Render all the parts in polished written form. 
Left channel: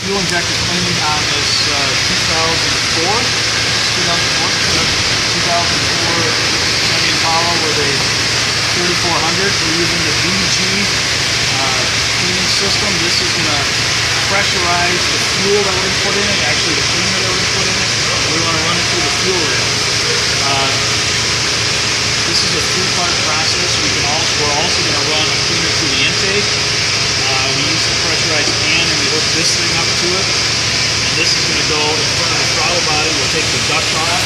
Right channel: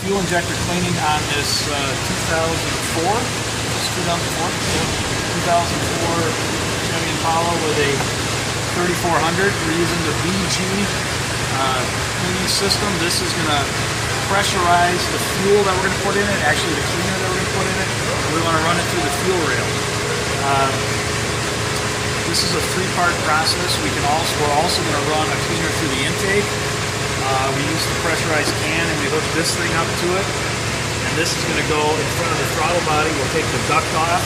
fuel injector cleaning on this 2004 Chevy Impala with a 3400. We're using the BG cleaning system. This is going to pressurize the fuel that we're going to put in it, actually the cleaner that we're going to put in it. We want to run it through the fuel rail. This is a three-part process. We're also going to run a cleaner through the intake. We use the pressurized can and we hook this thing up to it. And this is going to go in front of the throttle body. We'll take the duct off,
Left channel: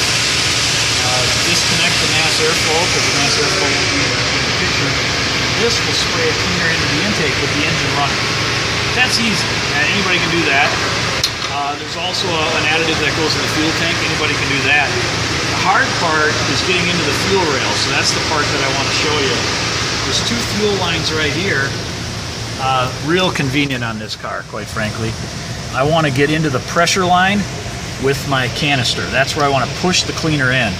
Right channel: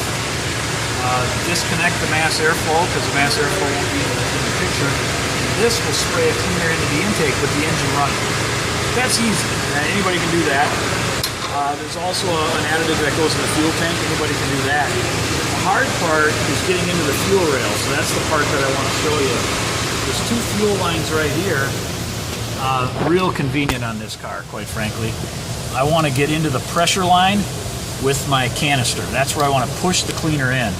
disconnect the mass airflow because the mass airflow won't be in the picture. This will spray a cleaner into the intake with the engine running. That's easy. Anybody can do that. There's also an additive that goes in the fuel tank. Anybody can do that. The hard part is getting into the fuel rail, so that's the part that I want to show you. There's two fuel lines right here. Real convenient on this car, quite frankly. I want to get into the pressure line with my canister. That's where I want to push the cleaner in.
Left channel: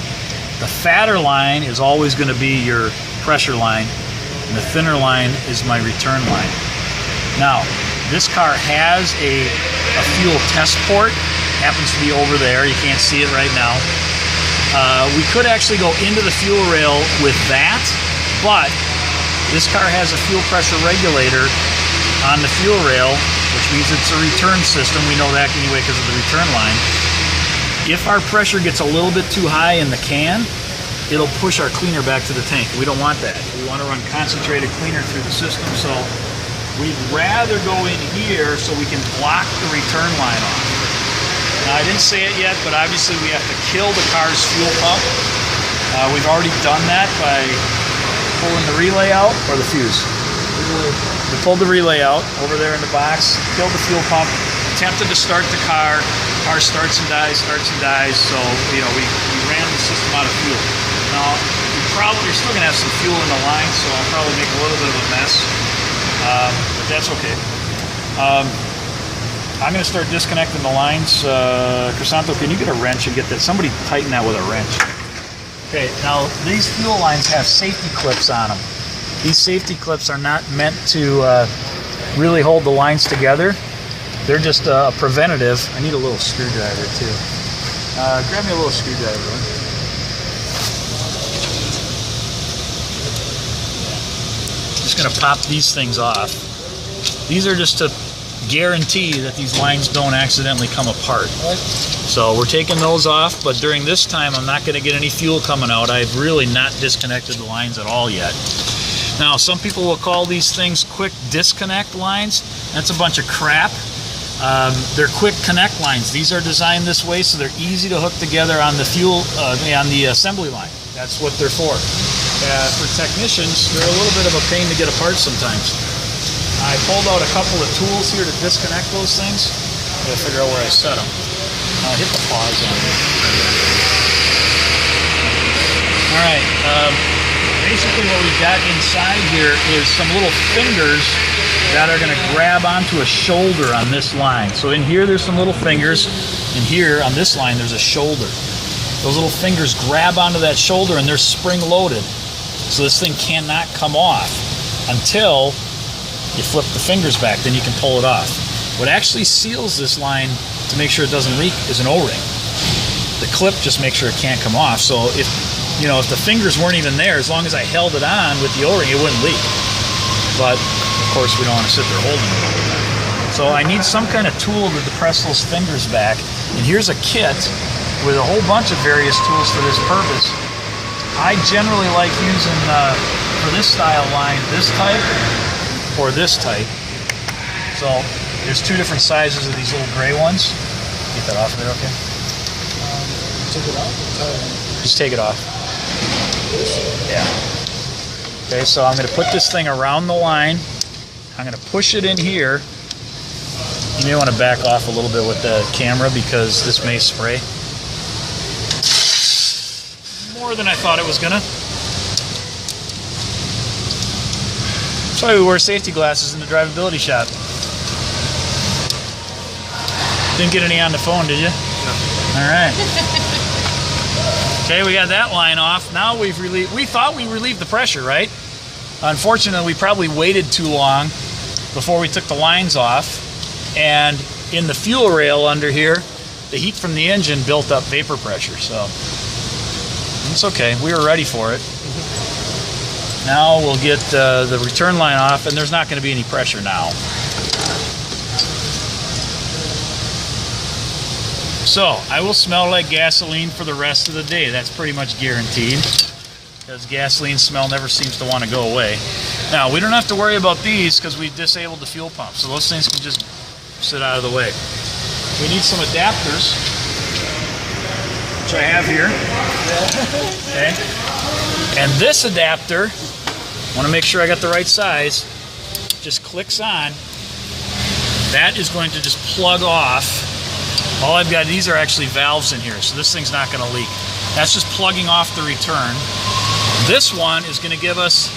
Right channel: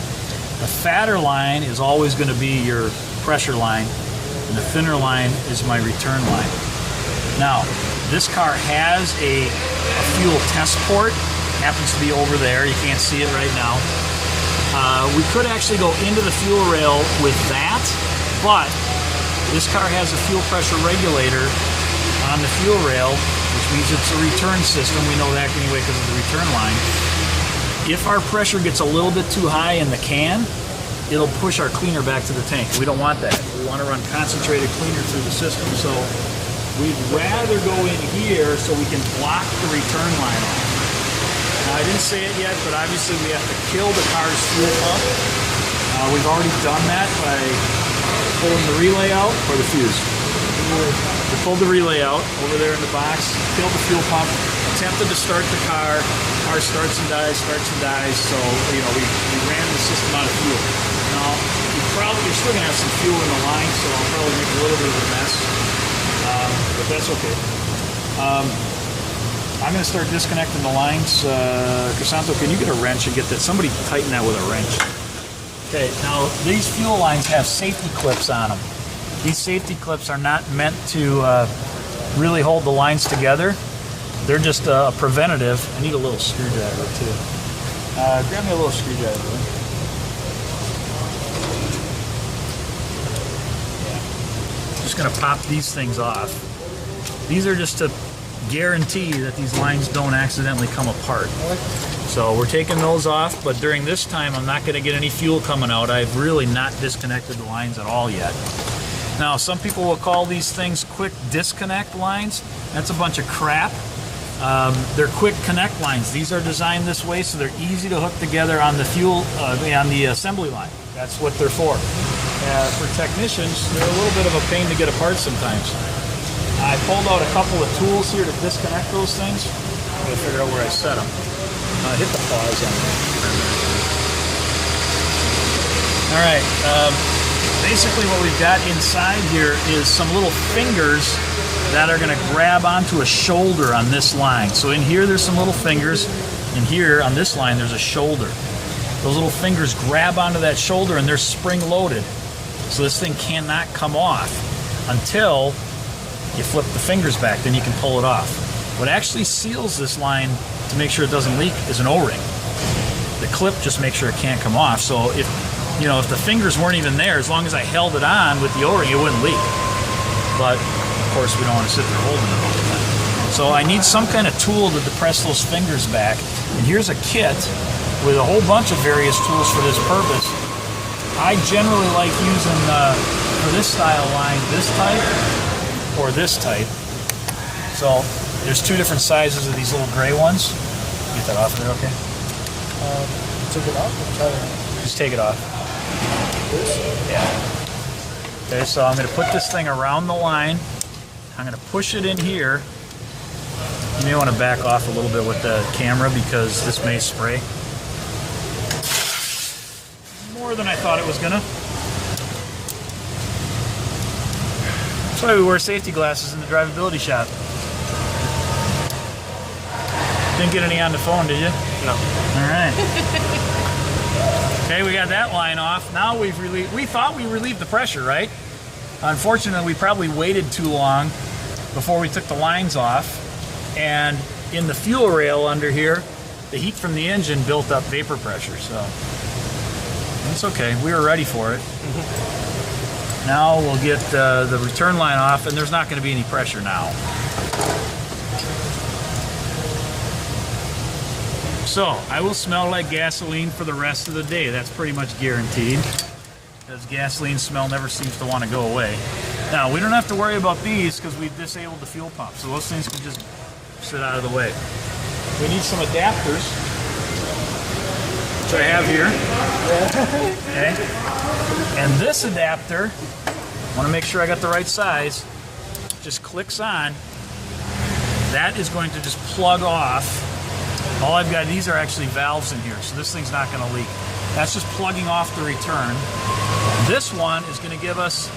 The fatter line is always going to be your pressure line, and the thinner line is my return line. Now, this car has a fuel test port. Happens to be over there. You can't see it right now. We could actually go into the fuel rail with that, but this car has a fuel pressure regulator on the fuel rail, which means it's a return system. We know that anyway because of the return line. If our pressure gets a little bit too high in the can, it'll push our cleaner back to the tank. We don't want that. We want to run concentrated cleaner through the system, so we'd rather go in here so we can block the return line off. Now, I didn't say it yet, but obviously we have to kill the car's fuel pump. We've already done that by pulling the relay out, or the fuse. We pulled the relay out over there in the box, killed the fuel pump, attempted to start the car. The car starts and dies, so we ran the system out of fuel. Now, you're still going to have some fuel in the line, so I'll probably make a little bit of a mess. But that's okay. I'm going to start disconnecting the lines. Crisanto, can you get a wrench and get that? Somebody tighten that with a wrench. Okay, now these fuel lines have safety clips on them. These safety clips are not meant to really hold the lines together. They're just a preventative. I need a little screwdriver too. Grab me a little screwdriver. Just going to pop these things off. These are just to guarantee that these lines don't accidentally come apart. So we're taking those off, but during this time I'm not going to get any fuel coming out. I've really not disconnected the lines at all yet. Now, some people will call these things quick disconnect lines. That's a bunch of crap. They're quick connect lines. These are designed this way so they're easy to hook together on the fuel, on the assembly line. That's what they're for. For technicians, they're a little bit of a pain to get apart sometimes. I pulled out a couple of tools here to disconnect those things. I gotta figure out where I set them. Hit the pause on there. Alright, basically what we've got inside here is some little fingers that are gonna grab onto a shoulder on this line. So in here there's some little fingers, and here on this line there's a shoulder. Those little fingers grab onto that shoulder and they're spring loaded. So this thing cannot come off until you flip the fingers back, then you can pull it off. What actually seals this line to make sure it doesn't leak is an O-ring. The clip just makes sure it can't come off. So if the fingers weren't even there, as long as I held it on with the O-ring, it wouldn't leak. But of course we don't want to sit there holding it all the time. So I need some kind of tool to depress those fingers back. And here's a kit with a whole bunch of various tools for this purpose. I generally like using, for this style line, this type or this type. So there's two different sizes of these little gray ones. Get that off of there, okay? Take it off? Just take it off. Yeah. Okay, so I'm going to put this thing around the line. I'm going to push it in here. You may want to back off a little bit with the camera because this may spray. More than I thought it was going to. That's why we wear safety glasses in the drivability shop. Didn't get any on the phone, did you? No. All right. Okay, we got that line off. Now we thought we relieved the pressure, right? Unfortunately, we probably waited too long before we took the lines off, and in the fuel rail under here, the heat from the engine built up vapor pressure. So it's okay. We were ready for it. Now we'll get the return line off, and there's not going to be any pressure now. So I will smell like gasoline for the rest of the day. That's pretty much guaranteed, because gasoline smell never seems to want to go away. Now we don't have to worry about these because we disabled the fuel pump, so those things can just sit out of the way. We need some adapters, which I have here. Okay. And this adapter, I want to make sure I got the right size, just clicks on. That is going to just plug off. All I've got, these are actually valves in here, so this thing's not going to leak. That's just plugging off the return. This one is going to give us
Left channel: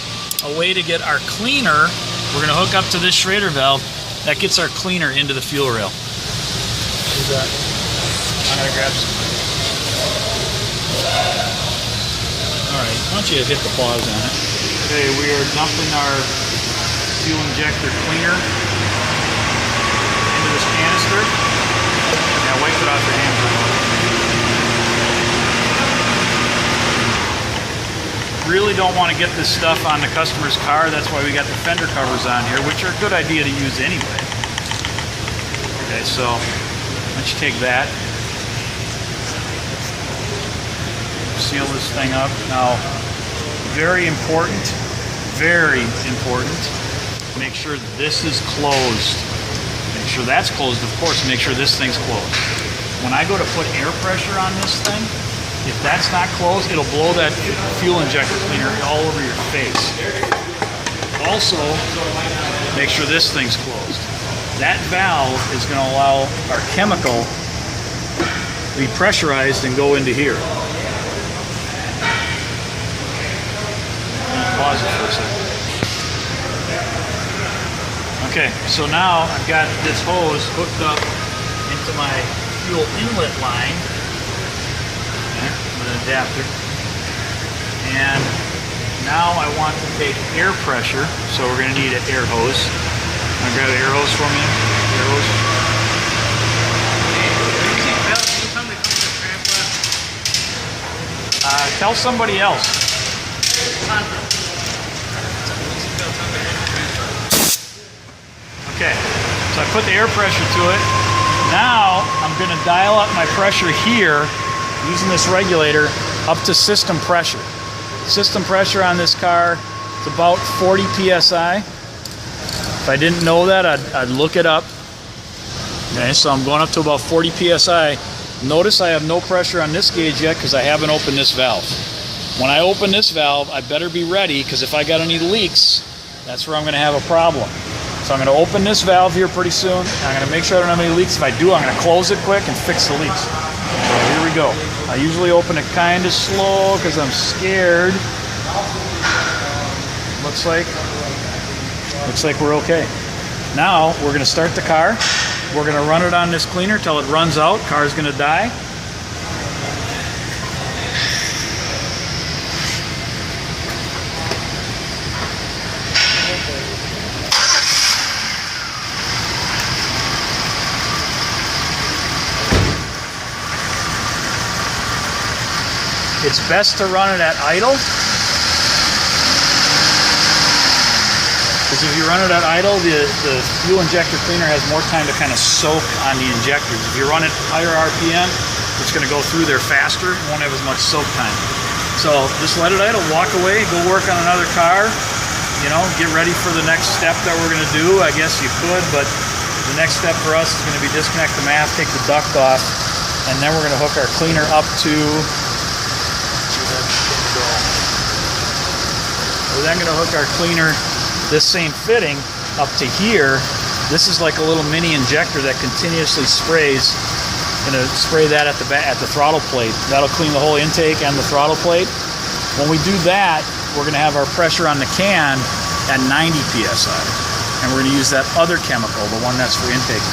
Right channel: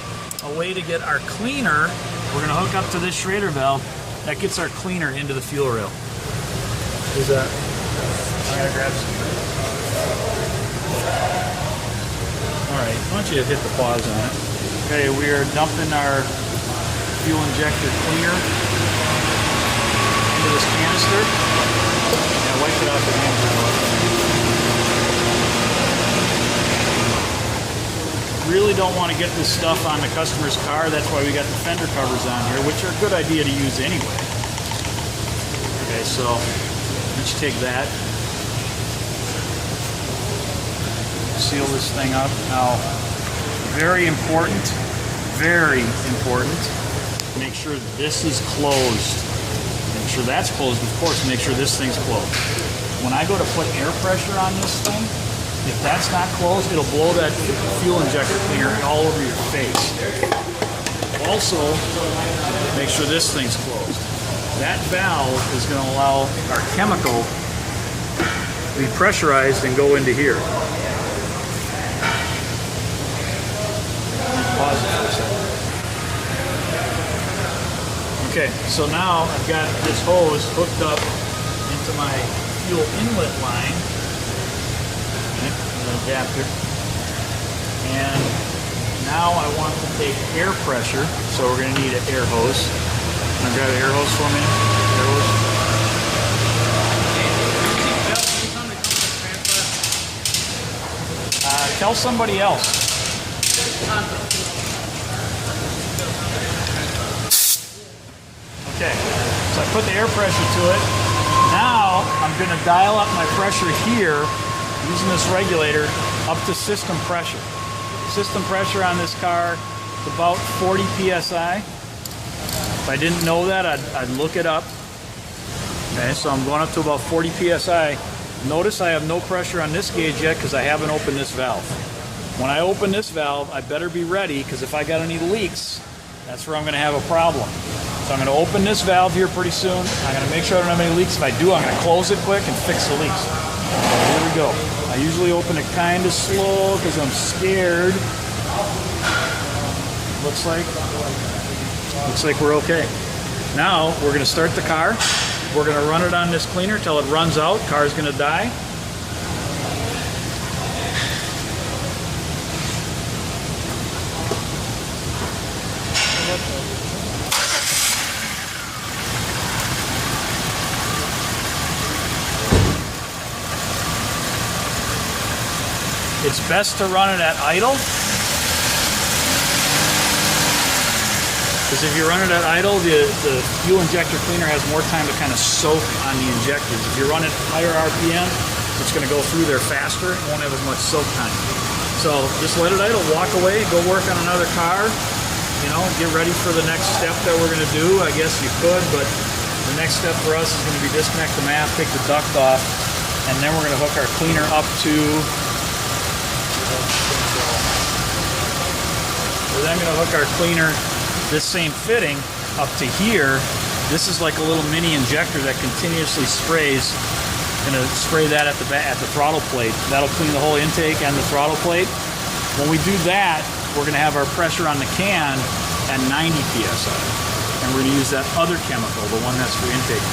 a way to get our cleaner. We're going to hook up to this Schrader valve. That gets our cleaner into the fuel rail. Who's that? I'm going to grab some. All right, why don't you hit the pause on it. Okay, we are dumping our fuel injector cleaner into this canister. Yeah, wipe it off your hand for a moment. Really don't want to get this stuff on the customer's car. That's why we got the fender covers on here, which are a good idea to use anyway. Okay, so let's take that. Seal this thing up. Now, very important, make sure this is closed. Make sure that's closed, of course. Make sure this thing's closed. When I go to put air pressure on this thing, if that's not closed, it'll blow that fuel injector cleaner all over your face. Also, make sure this thing's closed. That valve is going to allow our chemical to be pressurized and go into here. Pause it for a second. Okay, so now I've got this hose hooked up into my fuel inlet line, with an adapter, and now I want to take air pressure, so we're going to need an air hose. Want to grab an air hose for me? Air hose? Tell somebody else. Okay, so I put the air pressure to it. Now I'm going to dial up my pressure here using this regulator up to system pressure. System pressure on this car is about 40 psi. If I didn't know that, I'd look it up. Okay, so I'm going up to about 40 psi. Notice I have no pressure on this gauge yet because I haven't opened this valve. When I open this valve, I better be ready, because if I got any leaks, that's where I'm going to have a problem. So I'm going to open this valve here pretty soon. I'm going to make sure I don't have any leaks. If I do, I'm going to close it quick and fix the leaks. So here we go. I usually open it kind of slow because I'm scared. Looks like we're okay. Now we're going to start the car. We're going to run it on this cleaner till it runs out. Car's going to die. It's best to run it at idle, because if you run it at idle, the fuel injector cleaner has more time to kind of soak on the injectors. If you run it higher RPM, it's going to go through there faster. It won't have as much soak time. So just let it idle, walk away, go work on another car, you know, get ready for the next step that we're going to do. I guess you could, but the next step for us is going to be disconnect the math, take the duct off, and then we're going to hook our cleaner up to... We're then going to hook our cleaner, this same fitting, up to here. This is like a little mini injector that continuously sprays. I'm going to spray that at the throttle plate. That'll clean the whole intake and the throttle plate. When we do that, we're going to have our pressure on the can at 90 psi. And we're going to use that other chemical, the one that's for intake.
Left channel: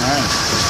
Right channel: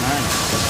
All right.